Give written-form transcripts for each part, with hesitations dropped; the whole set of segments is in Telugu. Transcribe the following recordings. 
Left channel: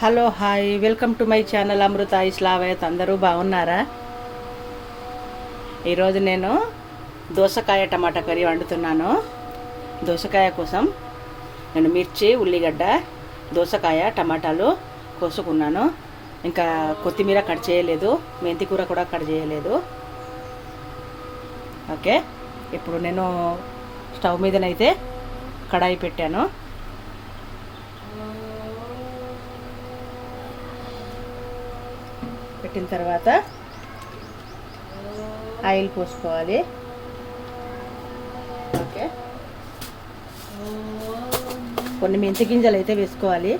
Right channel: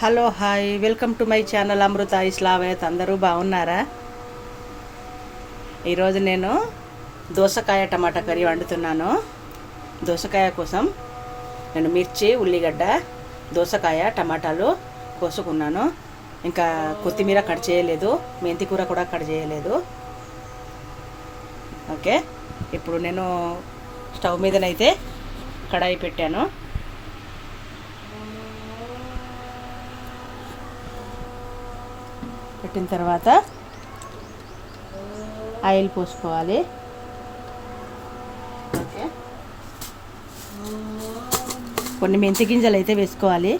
Hello hi welcome to my channel Amrutha Islavath. అందరూ బాగున్నారా? ఈరోజు నేను దోసకాయ టమాటా కర్రీ వండుతున్నాను. దోసకాయ కోసం నేను మిర్చి, ఉల్లిగడ్డ, దోసకాయ, టమాటాలు కోసుకున్నాను. ఇంకా కొత్తిమీర కట్ చేయలేదు, మెంతి కూర కూడా కట్ చేయలేదు. ఓకే, ఇప్పుడు నేను స్టవ్ మీదనైతే కడాయి పెట్టాను. పెట్టిన తర్వాత ఆయిల్ పోసుకోవాలి. ఓకే, కొన్ని మెంతి గింజలు అయితే వేసుకోవాలి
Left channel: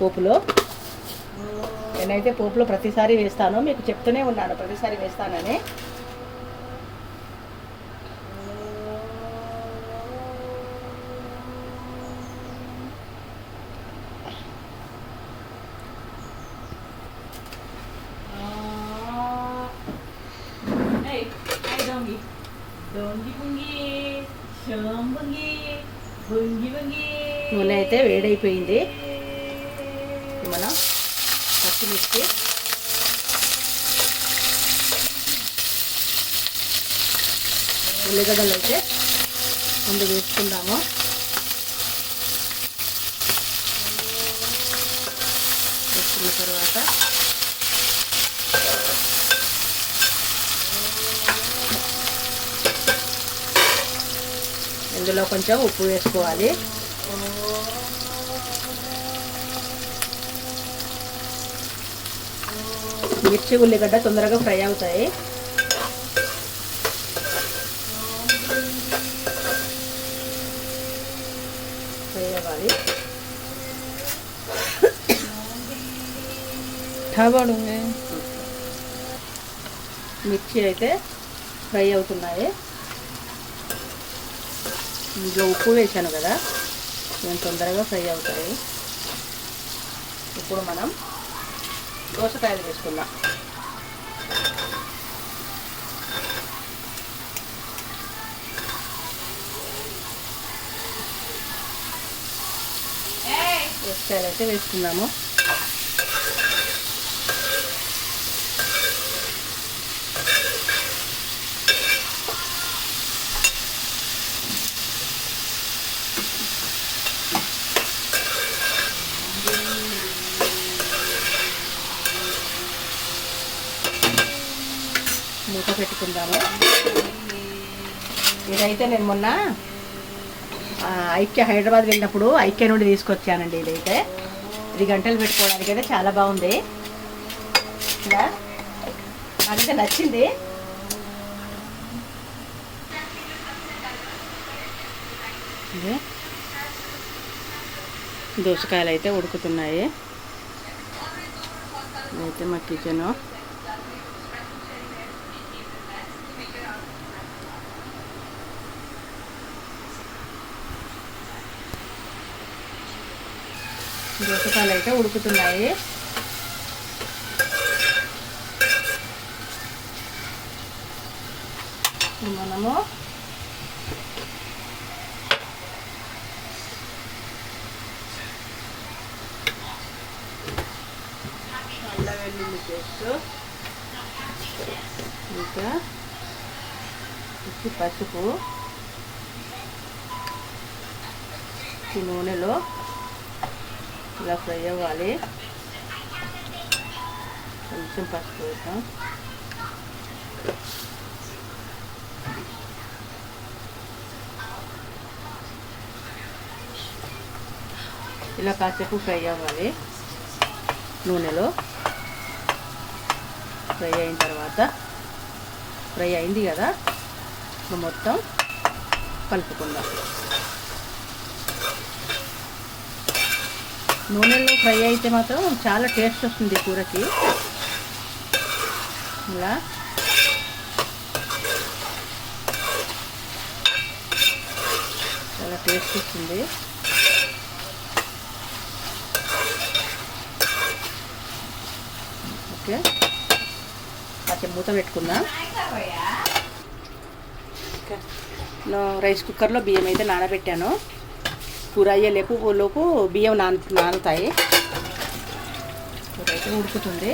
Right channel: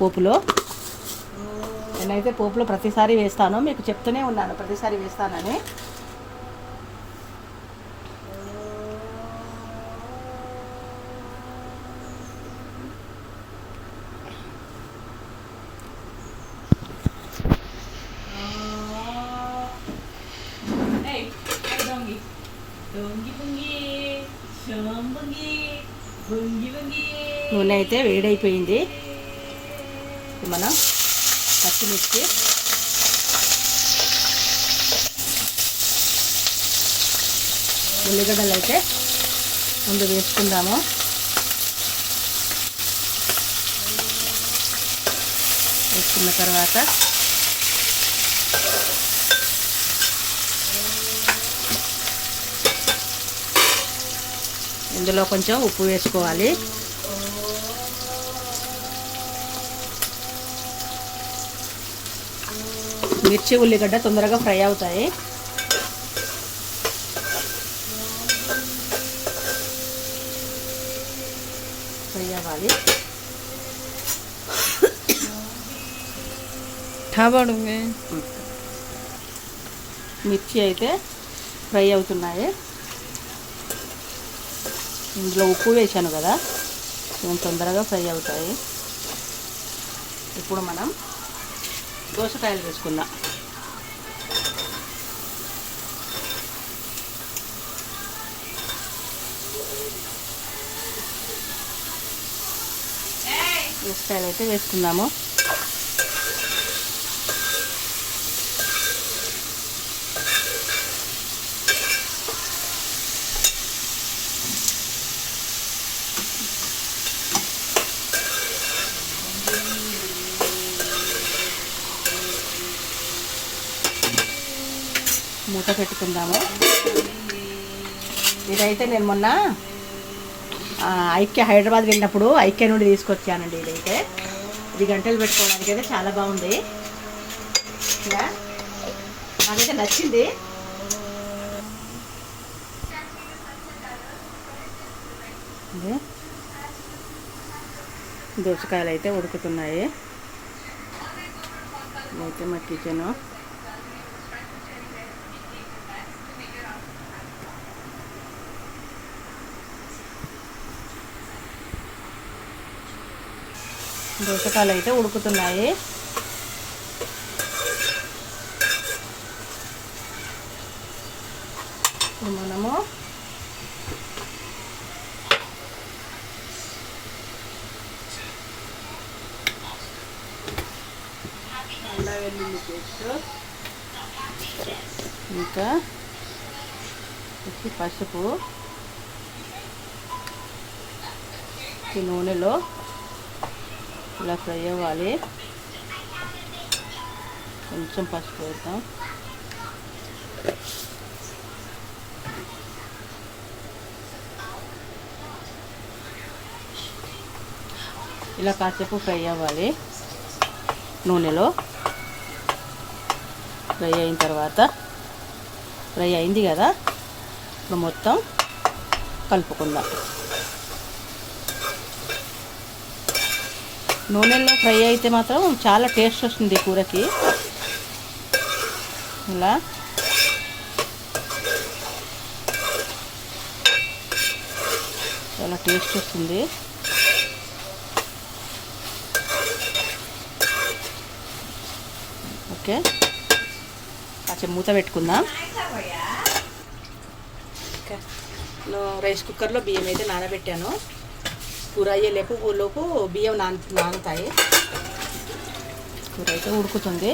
పోపులో. నేనైతే పోపులో ప్రతిసారి వేస్తాను, మీకు చెప్తూనే ఉన్నాను ప్రతిసారి వేస్తానని. నూనె అయితే వేడైపోయింది. మనం పచ్చిమిర్చి, ఉల్లిగడ్డలు అయితే ముందు వేసుకుందాము. వేసుకున్న తర్వాత ఇందులో కొంచెం ఉప్పు వేసుకోవాలి. మిర్చి, ఉల్లిగడ్డ తొందరగా ఫ్రై అవుతాయి. ఫ్రై అవ్వాలి. మిర్చి అయితే ఫ్రై అవుతున్నాయి. ఇందులో ఉప్పు వేసాను కదా, కొంచెం తొందరగా ఫ్రై అవుతాయి. ఇప్పుడు మనం దోసకాయలు వేసుకుందాం. దోసకాయలు అయితే వేసుకుందాము. మూత పెట్టుకుందాము. ఇదైతే నేను మొన్న హైదరాబాద్ వెళ్ళినప్పుడు ఐక్య నుండి తీసుకొచ్చానండి. ఇదైతే 10 గంటలు పెట్టుకోవడానికి అయితే చాలా బాగుంది. ఇలా నాకైతే నచ్చింది. దోసకాయలు అయితే ఉడుకుతున్నాయి. ఇదైతే మా కిచెను. దోసకాయలు అయితే ఉడుకుతున్నాయి. మనము అల్లం వెల్లుల్లి పేస్ట్, ఇంకా పసుపు, ఈ నూనెలో ఇలా ఫ్రై అవ్వాలి. కొంచెం పసుపు వేద్దాం. ఇలా కాసేపు ఫ్రై అవ్వాలి నూనెలో. ఫ్రై అయిన తర్వాత ఫ్రై అయింది కదా, ఇప్పుడు మొత్తం కలుపుకుందాం. నూనెలో ఫ్రై అయితే మాత్రం చాలా టేస్ట్ వస్తుంది కూరకి. ఇలా చాలా టేస్ట్ వస్తుంది. ఓకే, కొంచెం మూత పెట్టుకుందాం. రైస్ కుక్కర్లో బియ్యం అయితే నానబెట్టాను. కూర అయ్యేలోపు బియ్యం నానుతాయి. కూర అయితే ఉడుకుతుంది.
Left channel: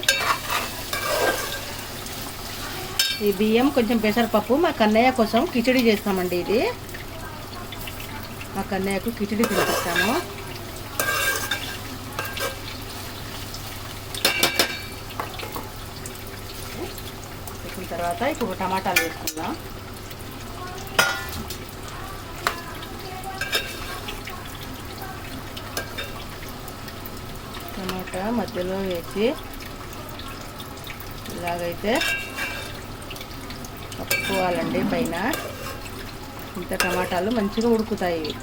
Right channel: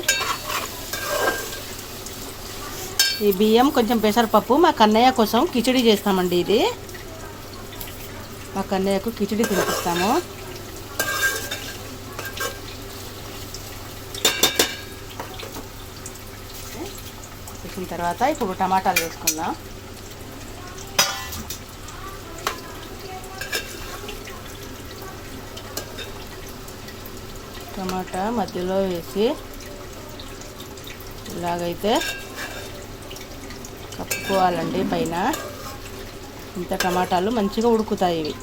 ఈ బియ్యం కొంచెం పెసరపప్పు మా కన్నయ్య కోసం కిచిడి చేస్తామండి. ఇది మా కన్నయ్యకు కిచిడి తినిపిస్తాము. వేసిన తర్వాత ఇప్పుడు టమాటాలు వేసుకుందాం. టమాటా మధ్యలో వేసి ఇలాగైతే కప్పుకోవాలండి. పైన ఇంత టమాటాలు మంచిగా ఉడుకుతాయి. ఇవి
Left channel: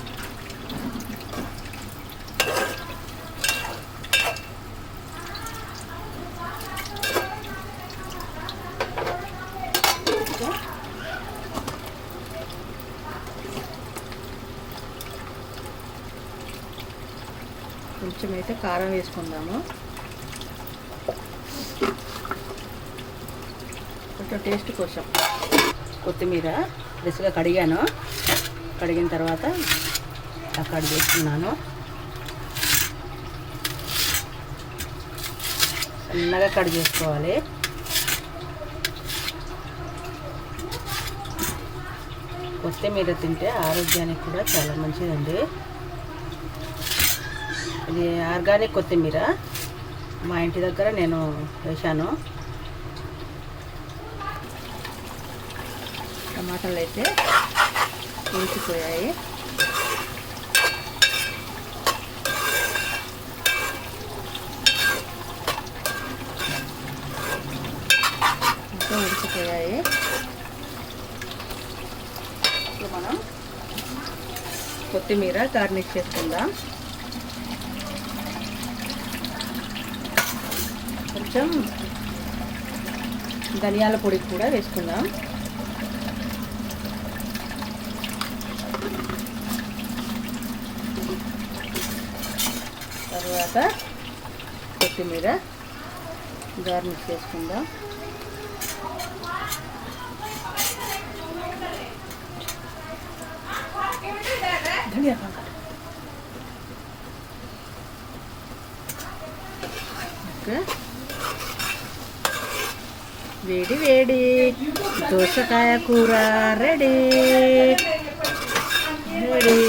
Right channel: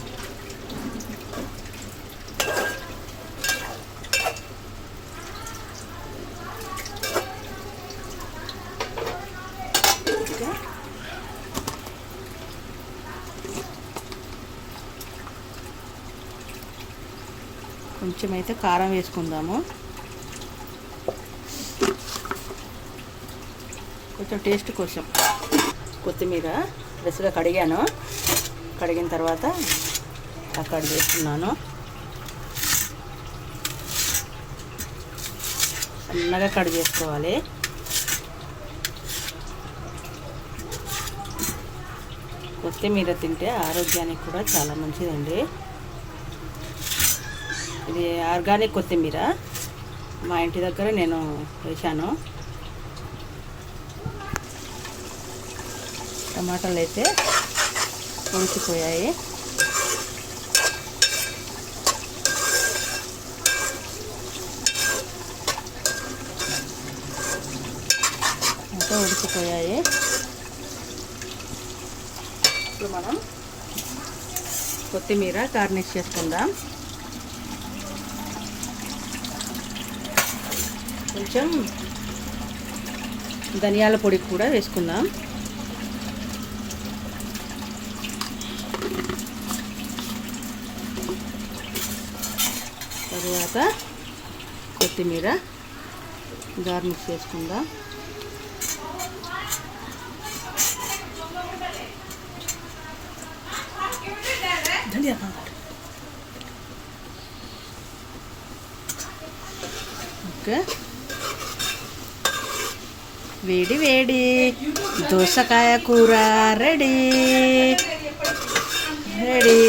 కొంచెం అయితే కారం వేసుకుందాము. కొంచెం టేస్ట్ కోసం కొత్తిమీర ఫ్రెష్గా కడిగాను. కడిగిన తర్వాత కట్ చేసుకున్నాను. చిన్నగా కట్ చేసుకోవాలి. కొత్తిమీర తింటే ఆరోగ్యానికి కూడా చాలా మంచిదండి. ఇది ఆర్గానిక్ కొత్తిమీర మా ఇంటి దగ్గర నేను వేశాను. టమాటాలు అయితే ఉడికిపోయాయి. అంతా ఉడికిపోయాయి. ఇప్పుడు మనం కొత్తిమీర గార్నిష్ చేసుకుందాం. కొంచెం ధనియాల పొడి కూడా వేసుకుందాం. తర్వాత కొత్తిమీర గార్నిష్ చేసుకుందాం. ఓకే, వేడి వేడి దోసకాయ కూర రెడీ రెడీ.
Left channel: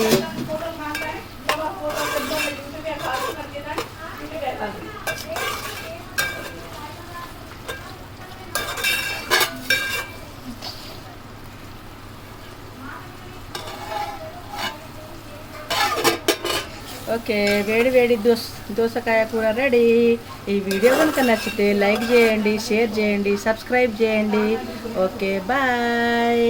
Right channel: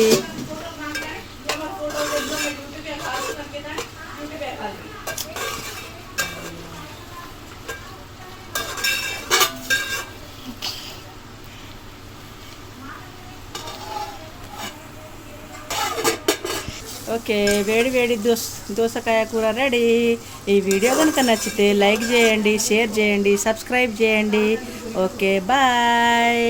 ఓకే, వేడి వేడి దోసకాయ కూర రెడీ. ఈ వీడియో కనుక నచ్చితే లైక్ చేయండి, షేర్ చేయండి, సబ్స్క్రైబ్ చేయండి. Okay, bye.